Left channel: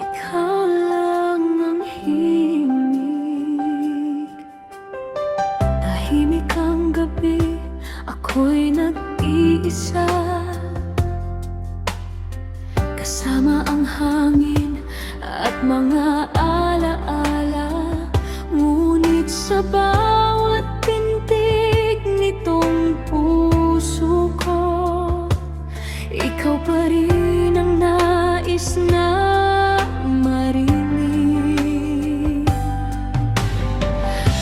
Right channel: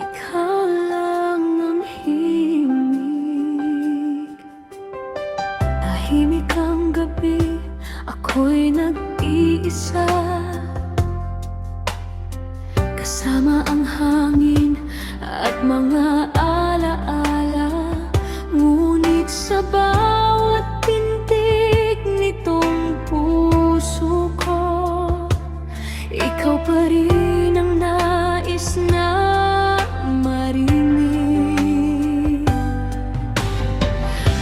ikaw lang ang himig. Tahimik ang gabi, ako'y nag-iisa, kasama ang hangin at mga alaala. Ngunit sa bawat pintig nitong puso ko, ikaw pa rin ang nais na marinig.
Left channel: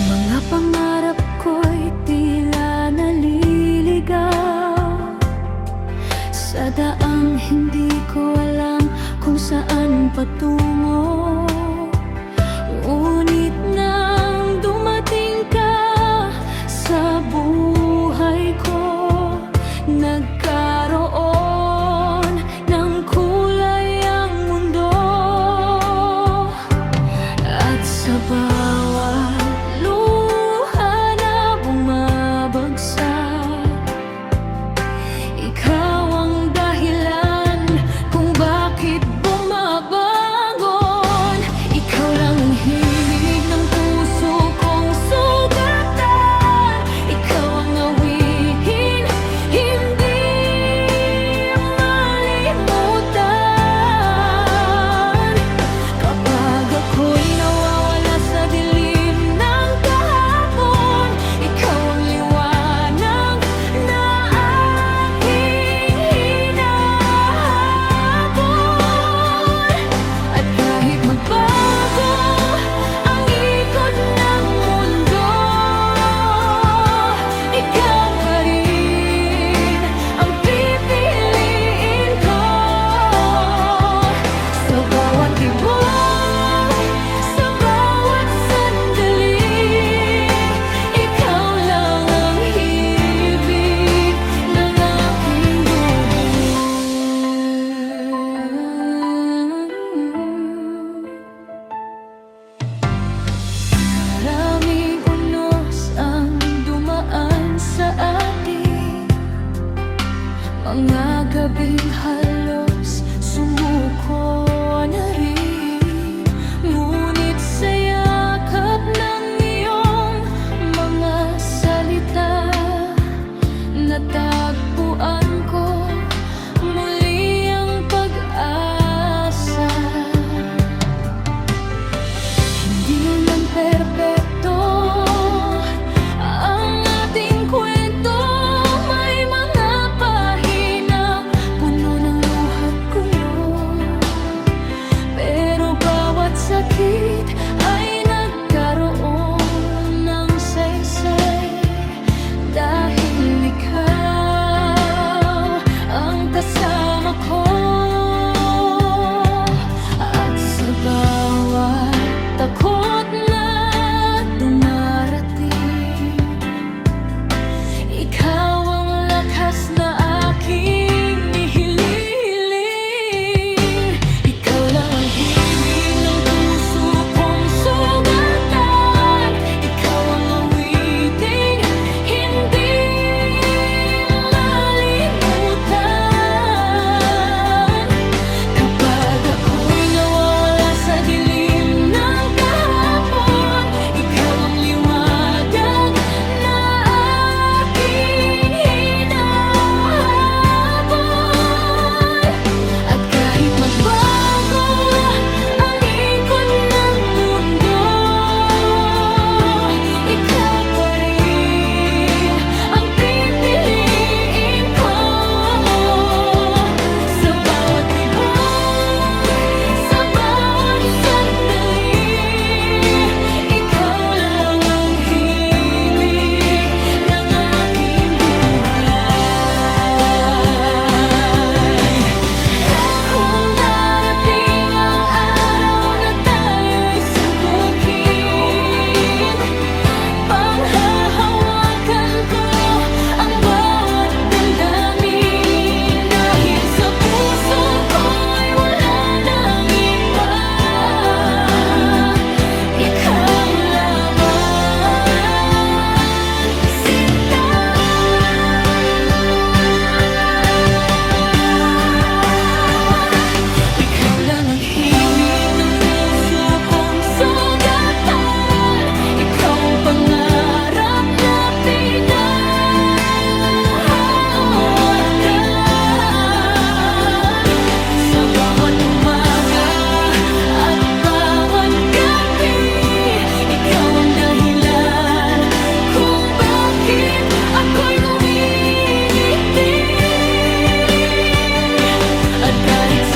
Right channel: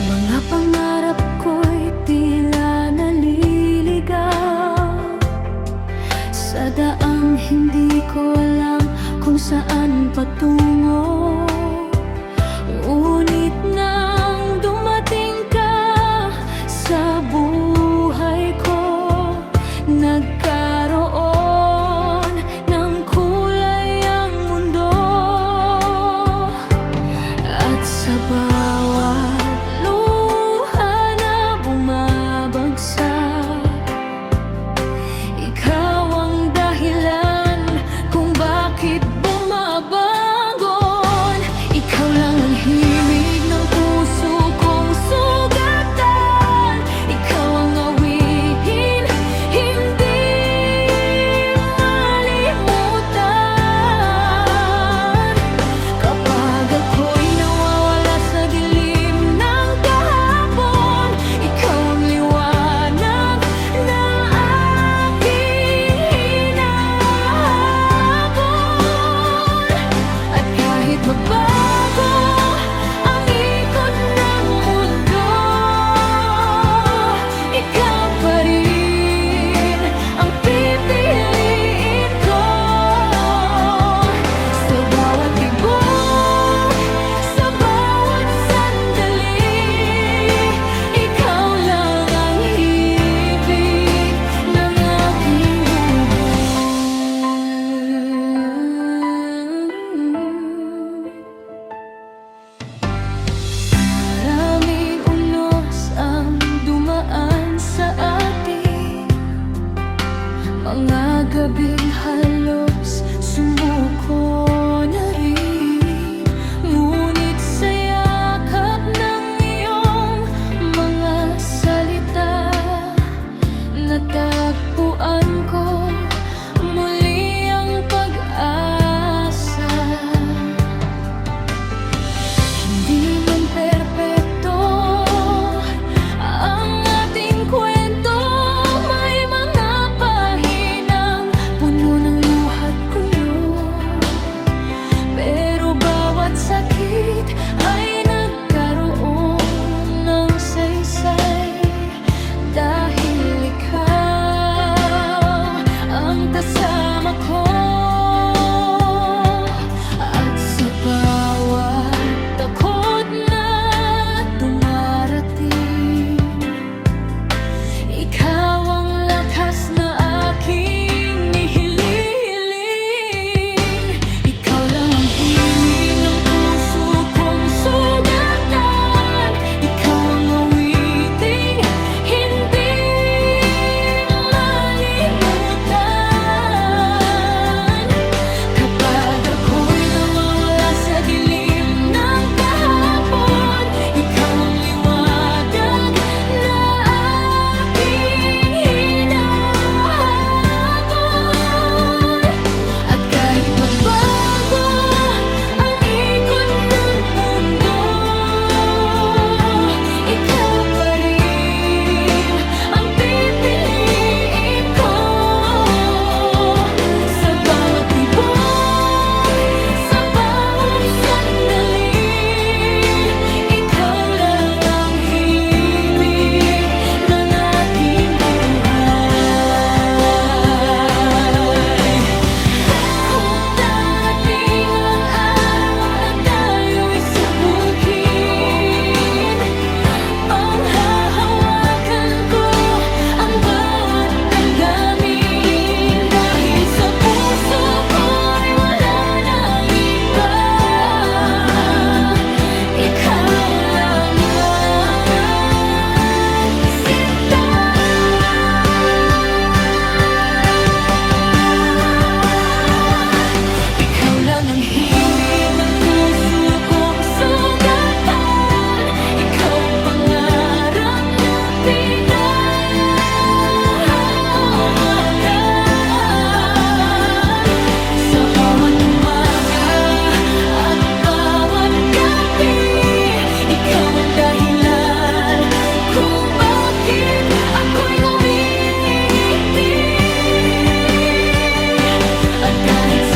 Mga pangarap ko'y tila naliligaw sa daang hindi ko alam kung saan patungo. Ngunit nang dumating ka sa buhay ko, nagkaroon ng kulay ang mundo. At sa bawat luha na bumabagsak, ikaw ang dahilan kung bakit bumabangon. Ikaw lang ang himig ng puso kong sugatan. Ikaw ang awitin hindi malimutan. Kapag ako'y nawawala sa dilim ng kahapon, ikaw ang liwanag na aking hinahabol. At kahit magbago ang ikot ng mundo, ikaw pa rin ang pipiliin ko. Sa bawat tibok, sa bawat sandali, ikaw lang ang hibig ng aking bubuhay. Maraming unos ang dumaan sa atin, mga gabing halos sumuko na rin. Ngunit sa yakap ng iyong mga salita, natagpuan ko muli ang pag-asa. Hindi man perpekto ang ating kwento, may mga pahinang puno ng luha't gulo. Pero bawat sakit ay nagkaroon ng saysay, dahil ikaw ang kasama ko. At sa bawat takot na dumarating, ikaw ang lakas na aking nihiling. Ikaw lang ang himig ng puso kong sugatan. Ikaw ang awiting hindi malimutan.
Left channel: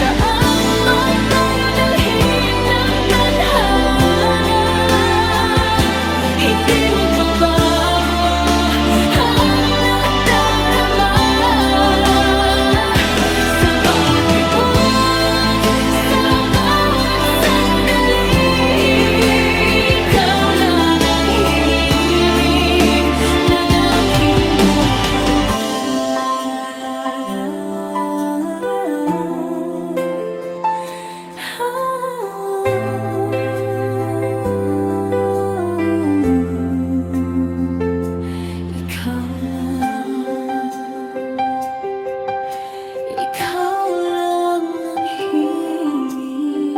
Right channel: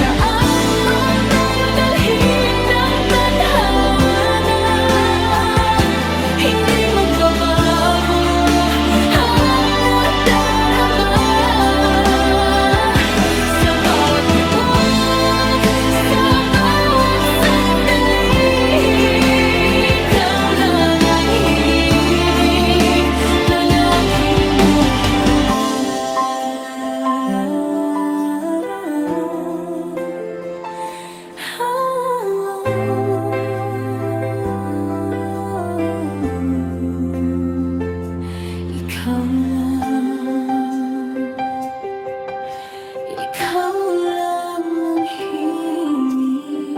Saan man tayo dalhin ng tadhana, hindi magbabago ang nadarama. Sa bawat tibok, sa bawat sandali, ikaw lang ang himig ng aking ikaw lang ang himig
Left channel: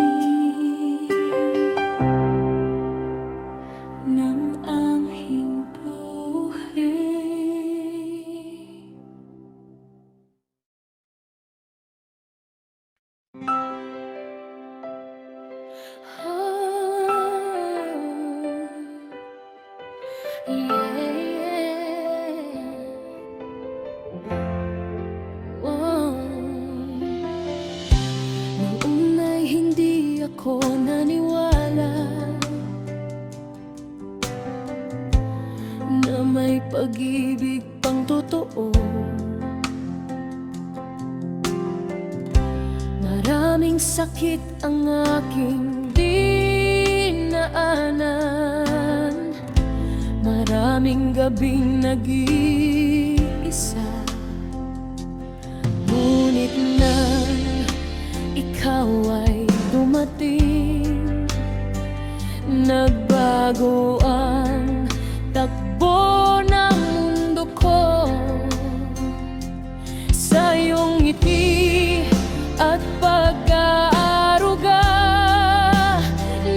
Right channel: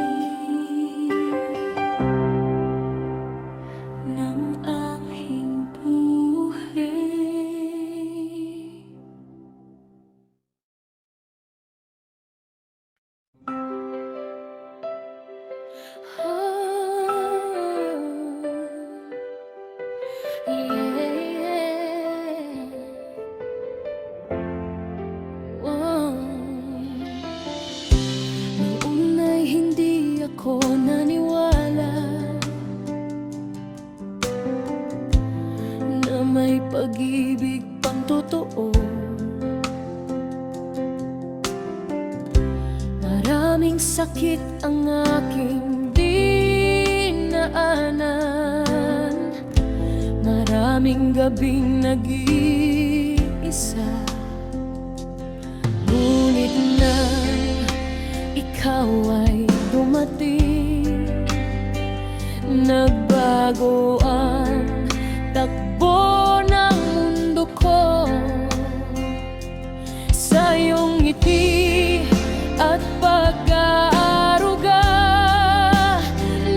ng aking buhay. Noong una'y hindi ako naniwala na may pag-ibig pang totoo. Maraming sakit ang aking dinaanan, maraming gabing nag-iisa. Ngunit nang ikaw ay dumating, nagbago ang takbo ng mundo ko. Sa iyong ngiti at pag-aaruga,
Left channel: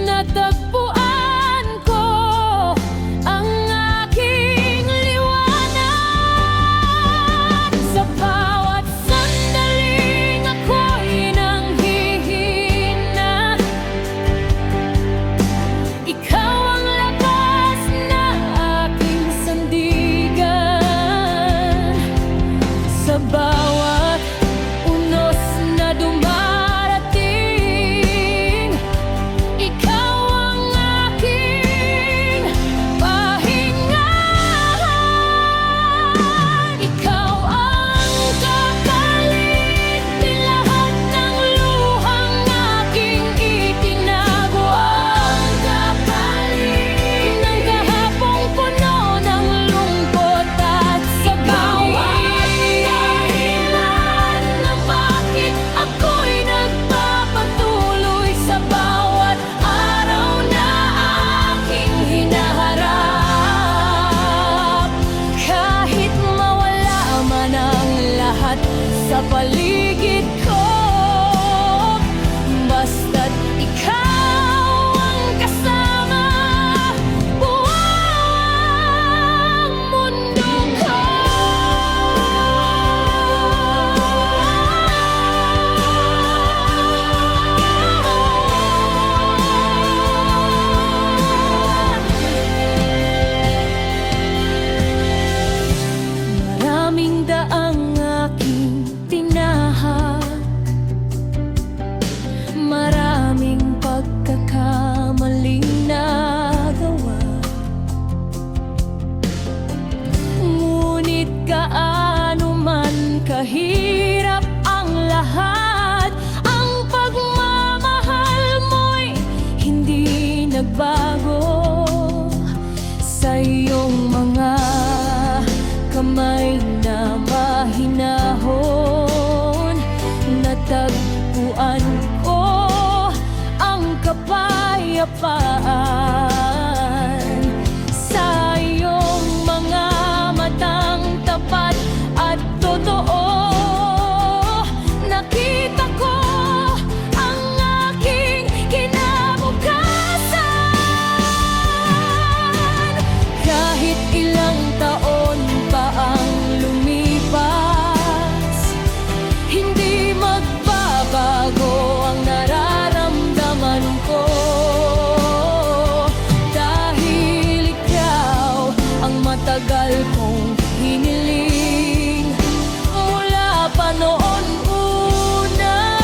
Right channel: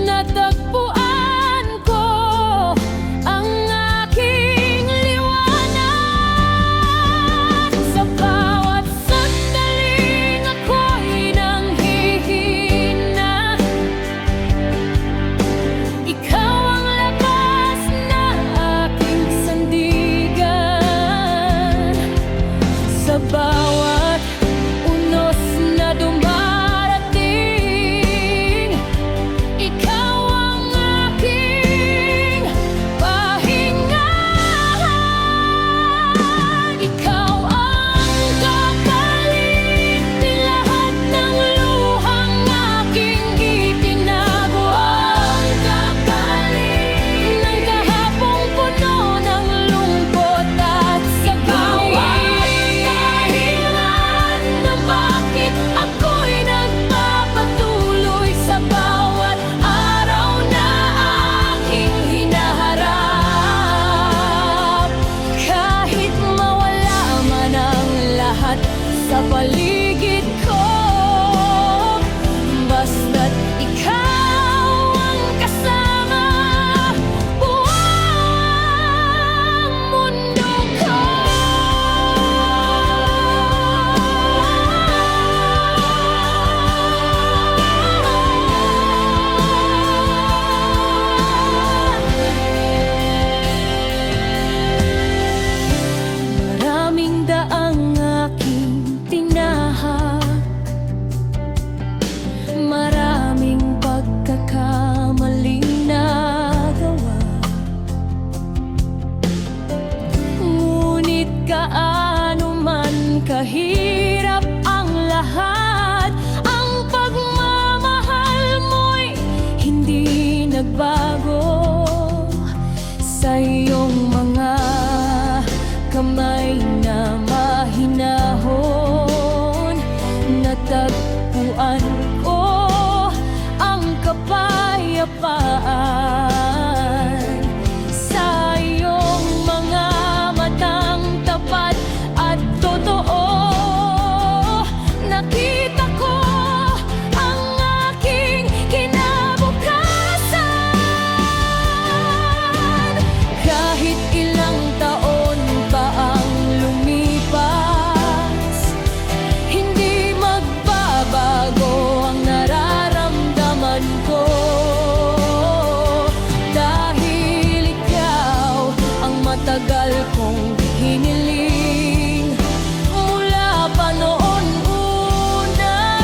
natagpuan ko ang aking liwanag. Sa bawat sandaling ako'y nanghihina, ikaw ang lakas na aking sandigan. Sa bawat unos na dumarating, ikaw ang aking pahinga. Ikaw ang kapalit ni lahat ng luhang aking itinago. Ang kapalit ng kahapong puno ng lungkot at bawat dahilan na bakit ako'y nagpapatuloy sa bawat araw na aking hinaharap. Kahit mawala man ang lahat sa paligid ko, basta't ikaw ang kasama, buwang mundo ko. Maraming daang aking tinahak, maraming pagkakamaling nagawa. Ngunit kaano man kahirap ang lahat, ang pagmamahal mo'y hindi nagbago. Sa iyong mga kamay na mahinahon, natagpuan ko ang kapayapaan. Sa iyong mga matang tapat at totoo, nakita ko ang aking kinabukasan. Kahit ilang taon pa ang lumipas, hindi magbabago ang nararamdaman ko. Dahil ikaw ang matagal kong hiniling mula pa noon una.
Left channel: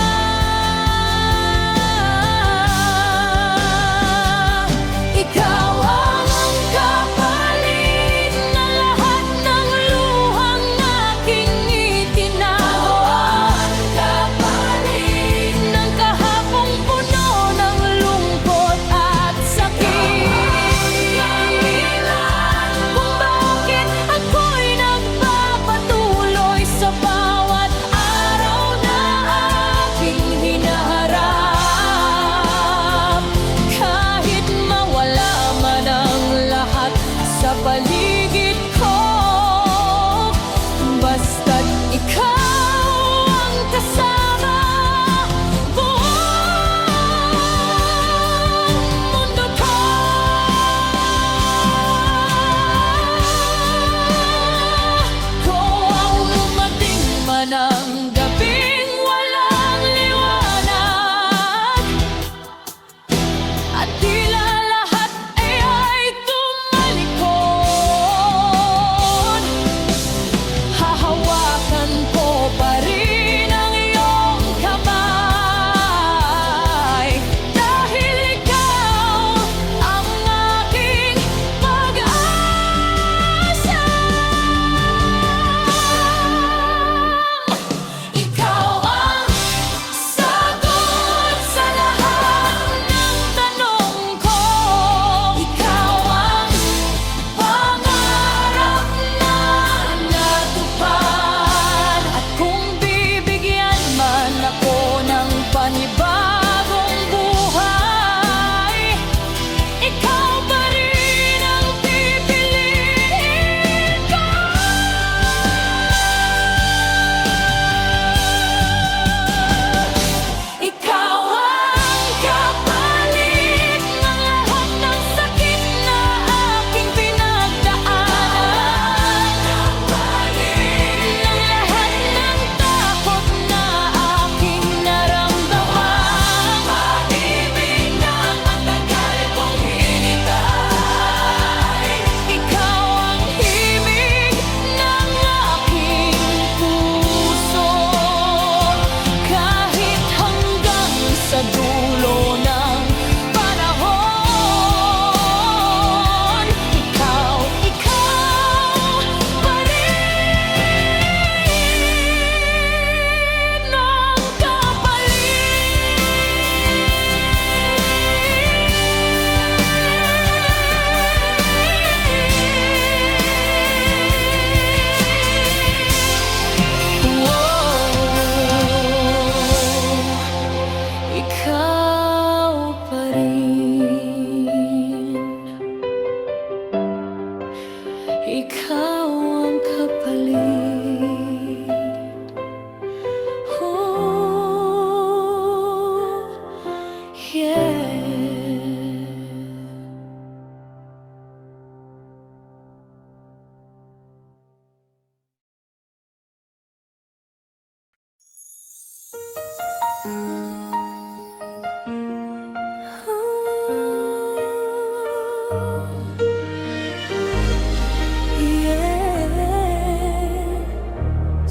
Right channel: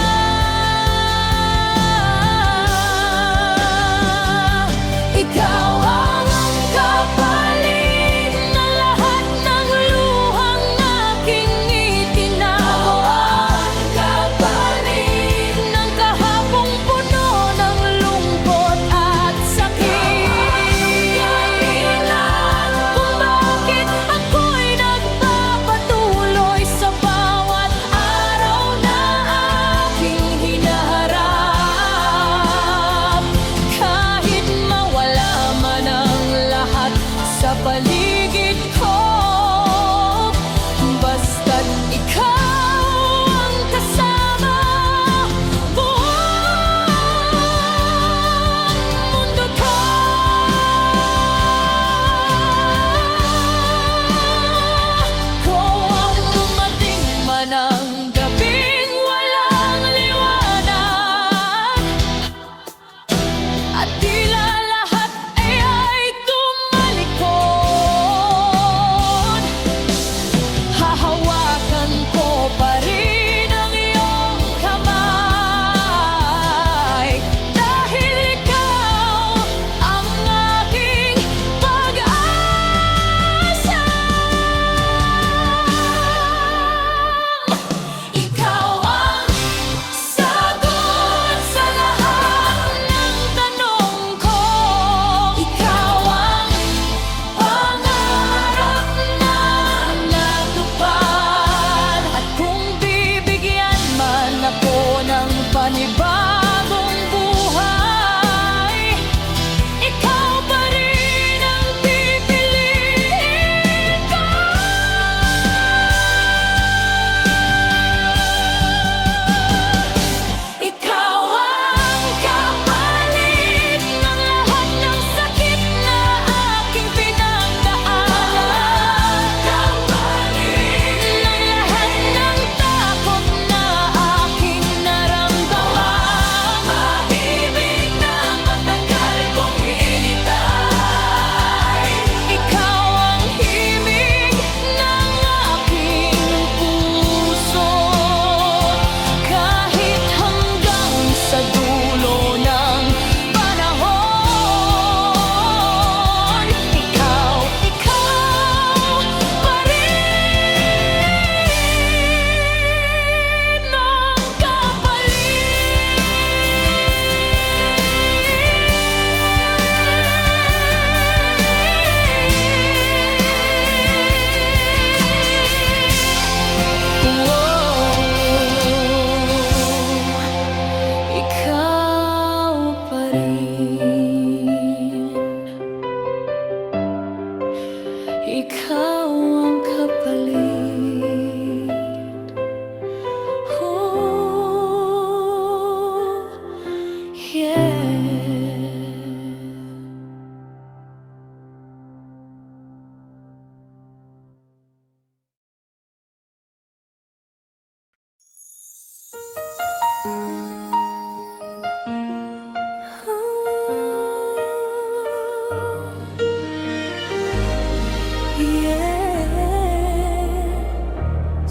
paligid ko. Basta't ikaw ang kasama, buong mundo ko. Ikaw ang lumating man ang gabing walang liwanag, at tila lahat ay tumalikod. Hahawakan ko pa rin ang iyong kamay, dahil ikaw ang aking pag-asa. Ikaw ang sagot sa lahat ng tanong ko. Ikaw ang pangarap na natupad. At kung bibigyan man ako ng panibagong buhay, ikaw pa rin ang pipiliin ko. Ikaw ang kapalit ng lahat ng sakit na aking pinagdaanan, ng lahat ng takot na aking naramdaman. Pag-ibig na matagal kong hinintay, ikaw ang himig ng aking puso't kahit hanggang sa dulo ng panahon, ikaw pa rin ang kapalit. Ikaw pa rin. Ikaw ang kapalit. Oh, yeah.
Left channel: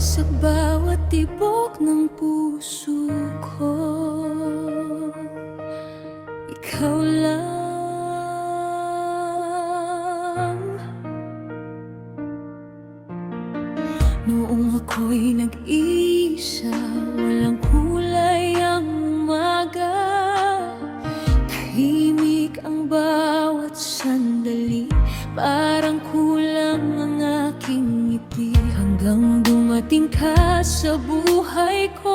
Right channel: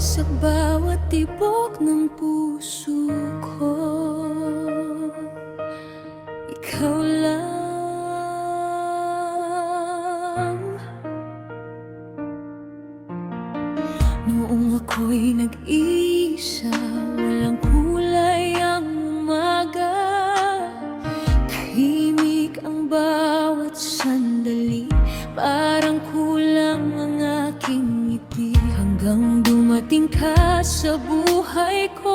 Sa bawat tibok ng puso ko, ikaw lang. Noong ako'y nag-isa, walang kulay ang umaga, tahimik ang bawat sandali, parang kulang ang aking ngiti. Hanggang dumating ka sa buhay ko,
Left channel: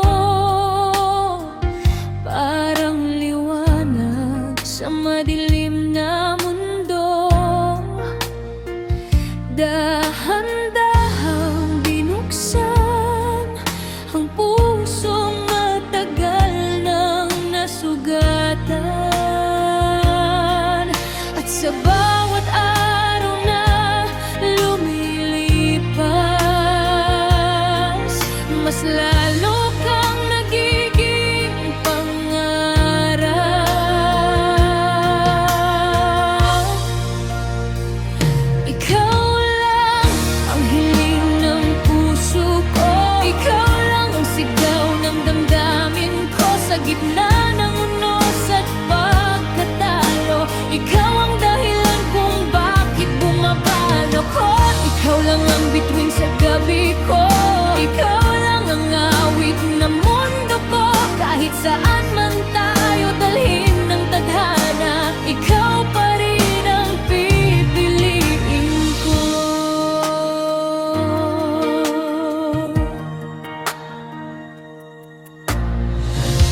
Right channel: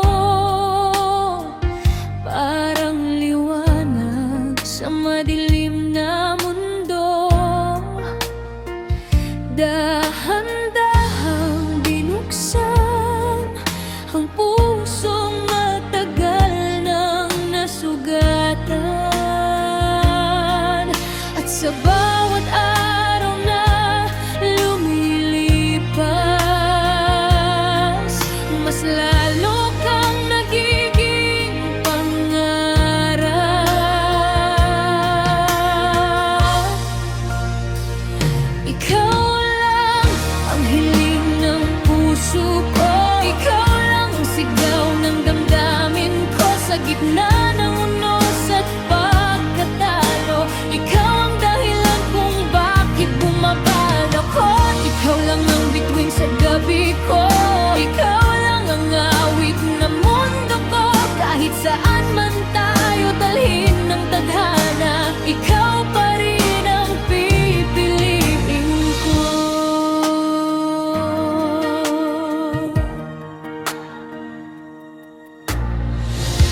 parang liwanag sa madilim na mundo. Dahan-dahang binuksan ang pusong matagal nang nasugatan. At sa bawat araw na lumilipas, mas lalo kang nagiging pangarap. Ikaw lang ang hiling ng puso ko, ikaw lang ang sigaw ng damdamin ko. Sa gitna ng unos at pagkatalo, ikaw ang dahilan kung bakit bumabaan ako. Ikaw lang ang bituin sa gabi ko, ikaw lang ang awit na mundo ko. Kahit saan man tayo dalhin ng tadhana, ikaw pa rin ang pipiliin ko.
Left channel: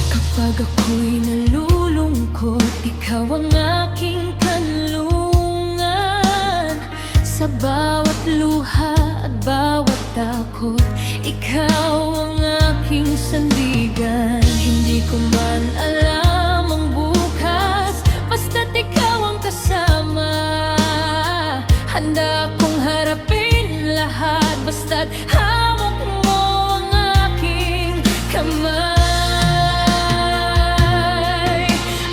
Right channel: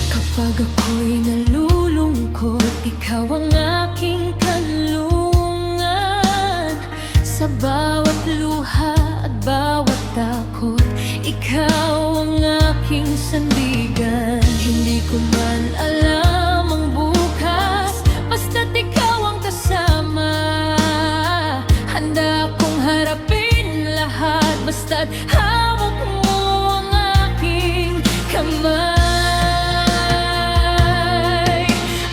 Kapag ako'y nalulungkot, ikaw ang aking kanlungan. Sa bawat luha at bawat takot, ikaw ang aking sandigan. Hindi ko man alam ang bukas, basta't ikaw ang kasama. Handa kong harapin lahat, basta't hamok mo ang aking kamay.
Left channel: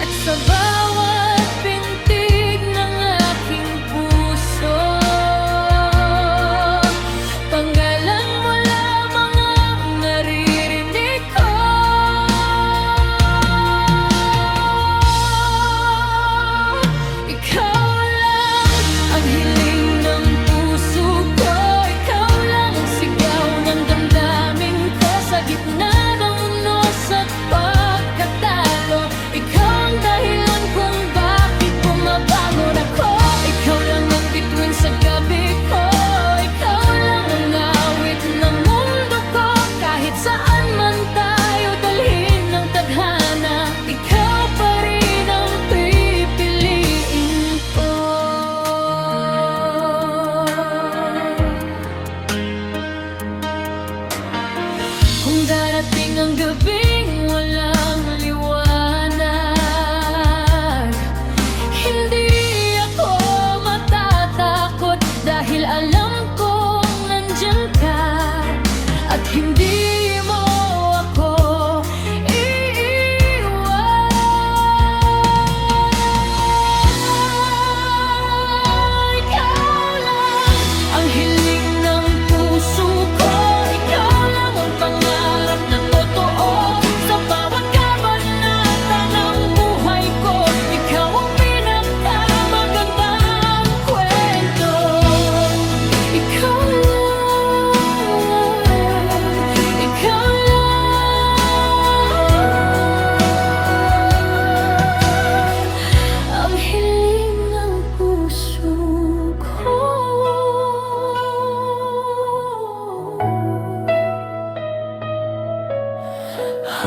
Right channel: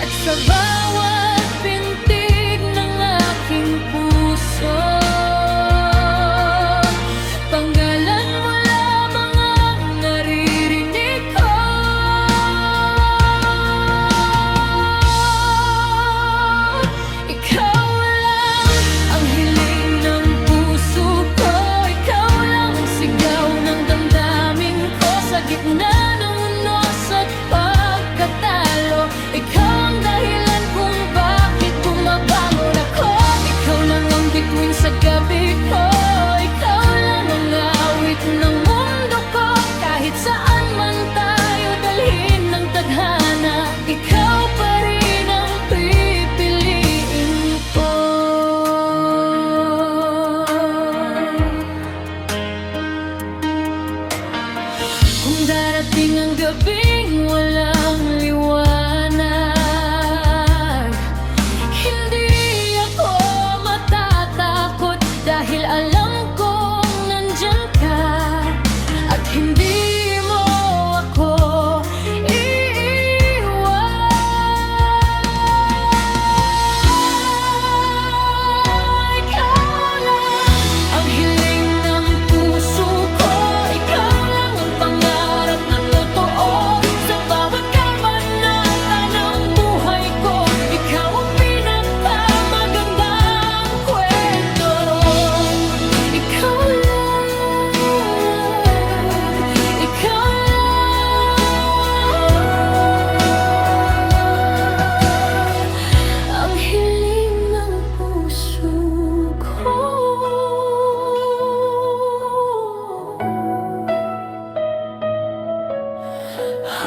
At sa bawat pintig ng aking puso, panggalan mo lamang ang naririnig ko. Ikaw lang ang hiling ng puso ko, ikaw lang ang sigaw ng damdamin ko. Sa gitna ng unos at pagkatalo, ikaw ang dahilan kung bakit bumabangon ako. Ikaw lang ang bituin sa gabi ko, ikaw lang ang awit ng mundo ko. Kahit saan man tayo dalhin ng tadhana, ikaw pa rin ang pipiliin ko. Kung darating ang gabing walang liwanag, hindi ako matatakot dahil alam kong nandyan ka at hindi mo ako iiwan. Ikaw lang ang hiling ng puso ko, ikaw lang ang pangarap na totoo. Sa bawat kabanata ng buhay ko, ikaw ang pinakamagandang kwento. Ikaw lang, ikaw lang ang hiling ng puso ko.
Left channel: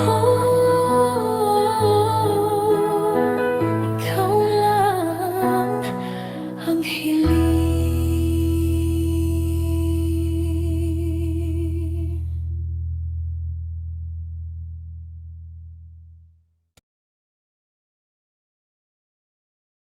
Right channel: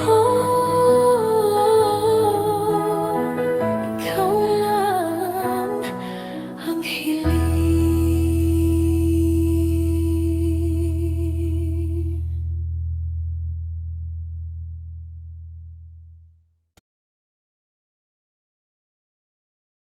Oh.